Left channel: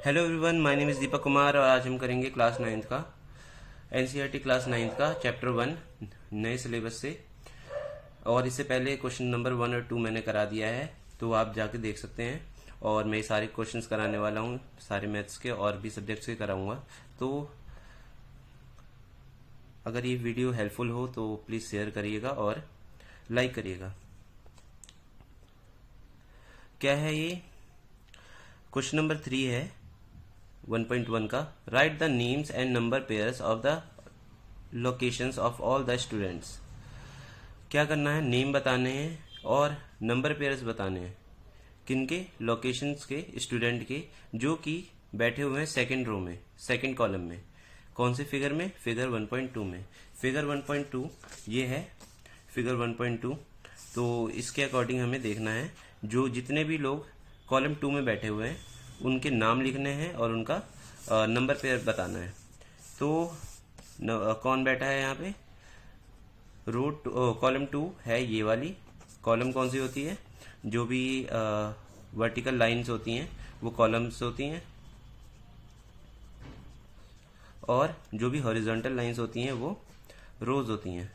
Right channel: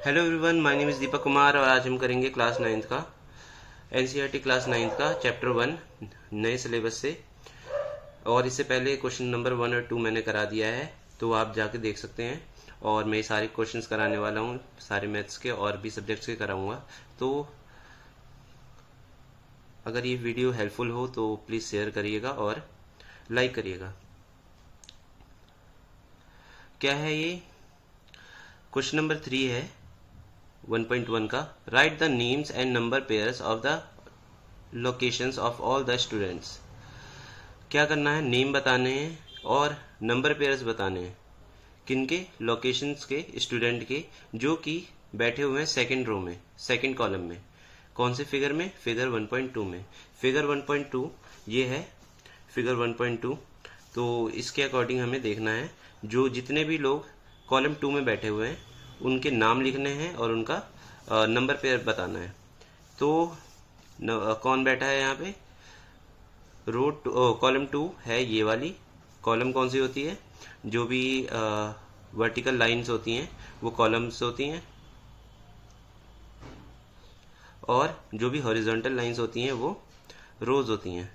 Hello everyone, my name is Deepak Kumar और आज हम करेंगे क्लास 9th का एनसीईआरटी क्लास 9th का चैप्टर 1 नए सिलेबस से। और इससे पहले क्वेश्चन नंबर 1 और 2 मैंने करा दिया है, तो आप जाके देख सकते हैं। और मैं सारे क्वेश्चंस कराने वाला हूँ, सारे मैथ्स के और भी सब्जेक्ट्स के कराऊंगा। तो अगर ये वीडियो हेल्पफुल हो तो प्लीज़ शेयर करिएगा और लाइक करिएगा। क्या है ये? क्वेश्चन नंबर 3 है 1.1 का। Right the names and number pairs of the locations of all the students. क्या करना है? नेम बताने हैं और नंबर पेयर्स बताने हैं। किनके? लोकेशंस के, स्टूडेंट के, जो कि बैठे हुए हैं सेकंड रो में, सेकंड कॉलम में। कौन से फिगर में? फिगर 1.2 में। फिगर 1.2 ये है, फिगर 1.2। तो इसके अकॉर्डिंग हमें देखना है जो जितने भी लोग कॉलम 2 में बैठे हुए हैं उनके नाम लिखने हैं और उनका नंबर पेयर बताना है। तो कौन बैठा है यहाँ पे? कॉलम 2 है ये वाली। कॉलम कौन सी होती है? जो भी वर्टिकल लाइंस होती हैं वो कॉलम्स होती हैं, और जो भी हॉरिजॉन्टल लाइंस होती हैं वो रोज होती हैं।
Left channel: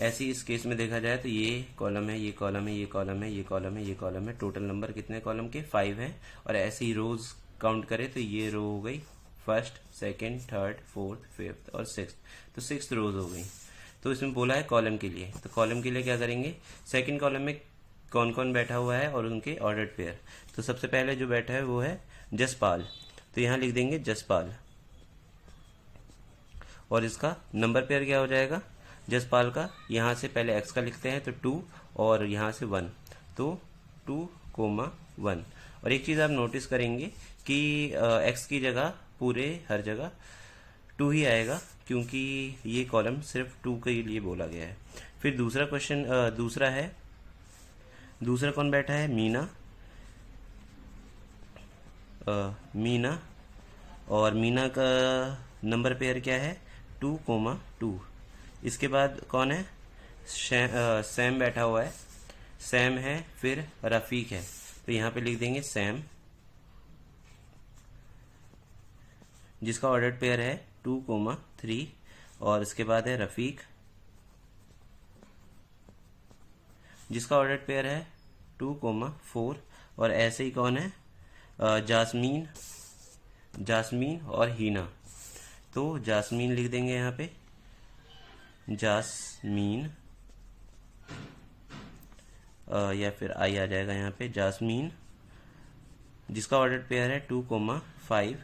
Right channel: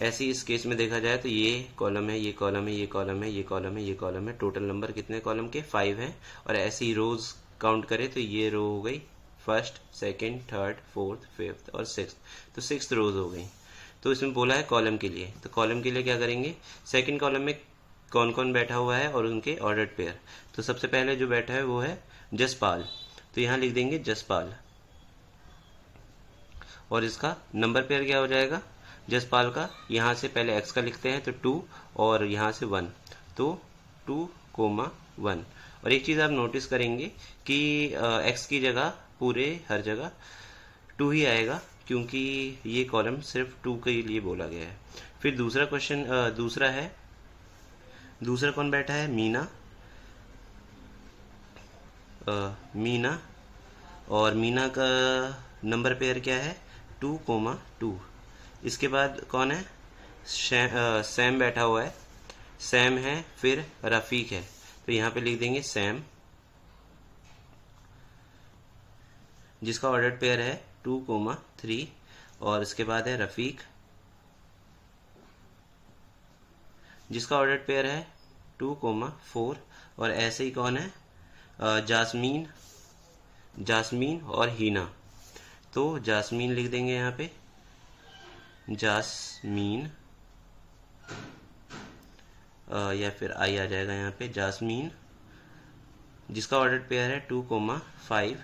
ऐसे इस केस में देखा जाए तो ये कॉलम है, ये कॉलम है, ये कॉलम है, ये कॉलम है, ये कॉलम है। टोटल नंबर कितने कॉलम के? 5 हैं। और ऐसे ही रोज काउंट करें तो ये रो हो गई first, second, third, fourth, fifth और सिक्स्थ। तो 6 रोज हो गई। तो इसमें बोला है कॉलम के लिए, तो कॉलम के लिए क्या करेंगे? सेकंड कॉलम में कौन कौन बैठा हुआ है और उनके ऑर्डर्ड पेयर। तो सबसे पहले जो बैठा है वो है जसपाल, तो यहाँ लिख देंगे जसपाल। और इसका नंबर पेयर क्या हो जाएगा जसपाल का? यहाँ से पहले x का लिखते हैं तो 2, और यहाँ से 1, तो 2,1। और एक चीज़ आप नोटिस करेंगे कि x की जगह पूरे हर जगह 2 ही आएगा, क्योंकि ये कॉलम सिर्फ 2 के लिए बोला गया है। फिर दूसरा क्वेश्चन, दूसरा है, दूसरा कौन बैठा है? मीना। मीना, और मीना का नंबर पेयर क्या है? 2,2। इसके बाद कौन है? सैम बैठा हुआ है, सैम है। फिर रफ़ीक है, तो यहाँ पे लिख देंगे सैम, जिसका ऑर्डर्ड पेयर है 2,3। और इसके बाद है रफ़ीक, जिसका ऑर्डर्ड पेयर है 2,4। और ऐसे ही कौन है? जास्मीन, जास्मीन और हीना। तो जास्मीन लिख देंगे यहाँ पे, जास्मीन, या फिर आई आ जाएगा यहाँ पे, जास्मीन, जिसका ऑर्डर्ड पेयर है 2,5।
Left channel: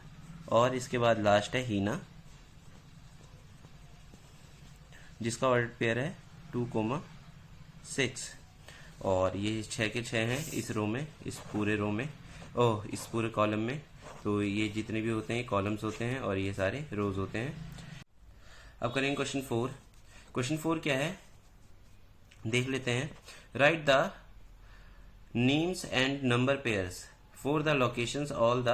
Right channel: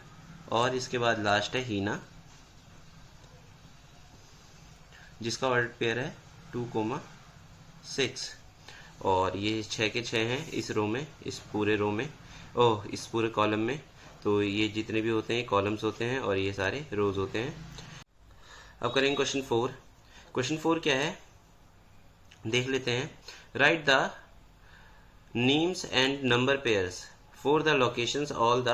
और इसके बाद लास्ट है हीना, जिसका ऑर्डर्ड पेयर है 2,6। और ये 6 के 6 हैं इस रो में, इस पूरे रो में, इस पूरे कॉलम में। तो ये जितने भी होते हैं कॉलम्स होते हैं और ये सारे रोज होते हैं। अब करेंगे क्वेश्चन 4। क्वेश्चन 4 क्या है देख लेते हैं। Write the names and number pairs for the locations of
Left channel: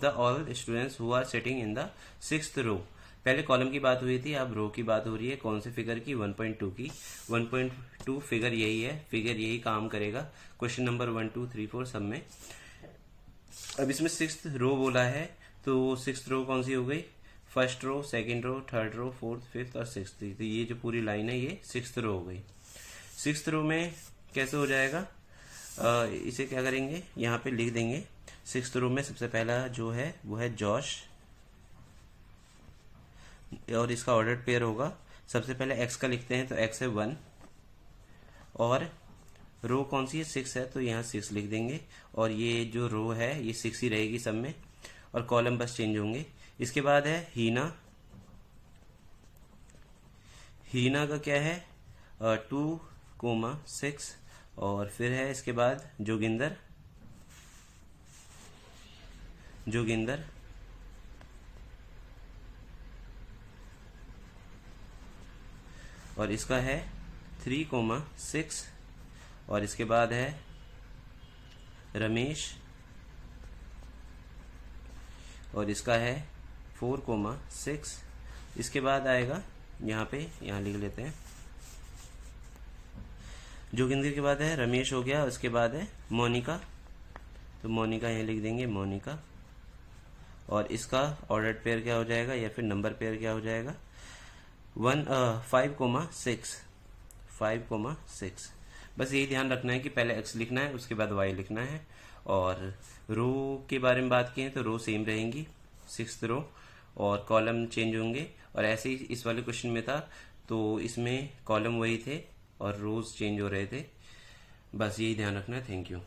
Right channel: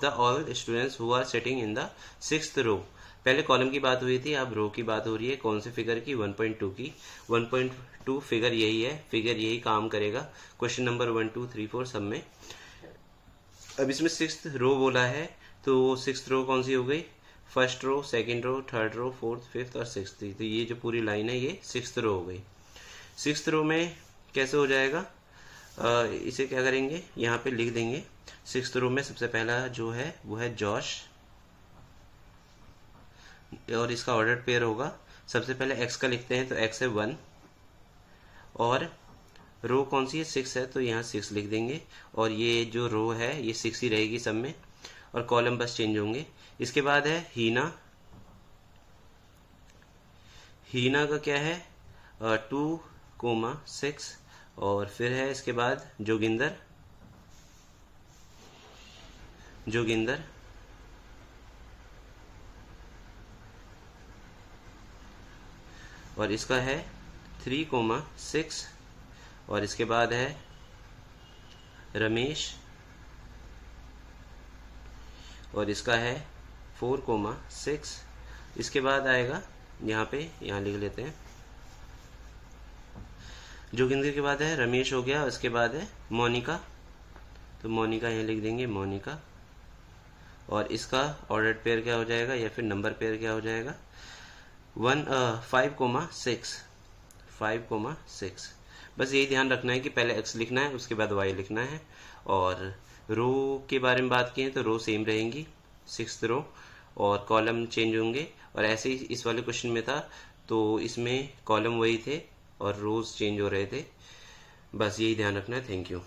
the all students who are sitting in the 6th row. पहले कॉलम की बात हुई थी, अब रो की बात हो रही है। कौन से फिगर की? 1.2 की। 1.2 फिगर यही है, फिगर यही काम करेगा क्वेश्चन नंबर 1, 2, 3, 4 सब में। अब इसमें 6th रो बोला है, तो 6th रो कौन सी हो गई? First row, second row, third row, fourth, fifth और 6th। तो ये जो पूरी लाइन है ये 6th रो हो गई। 6th रो में कैसे हो जाएगा? इसे क्या करेंगे? यहाँ पे लिख देंगे 6th रो में सबसे पहला जो है वो है जॉश, और इसका ऑर्डर पेयर होगा। सबसे पहले x का लिखते हैं तो x है 1, और रो कौन सी है? 6 है, तो यहाँ 6 लिख देंगे। और ये जो रो है ये 6 ही रहेगी सब में, और कॉलम बस चेंज होंगे। इसके बाद है हीना, हीना का क्या है? 2,6। और फिर है इसके बाद जोगिंदर, जोगिंदर, और इसका है 3,6। और इसके बाद है रमेश, और इसका है 4,6। इसके बाद आएगा यहाँ पे, यहाँ लिख लेते हैं जोगिंदर के बाद है रमेश हो गया। उसके बाद है मोनिका, तो मोनिका यहाँ लिख देंगे मोनिका। और इसका ऑर्डर पेयर क्या हो जाएगा या फिर नंबर पेयर क्या हो जाएगा, 5,6 5,6। बस यही ध्यान रखना है कि पहले x लिखना है, उसके बाद y लिखना है। और रो के बारे में बात की है तो रो सेम रहेंगी, 6th रो, और कॉलम चेंज होंगे। और ऐसे ही इस वाले क्वेश्चन में था, तो इसमें कॉलम वही थे और रोज चेंज हो रहे थे। बस यही ध्यान रखना है। Thank you.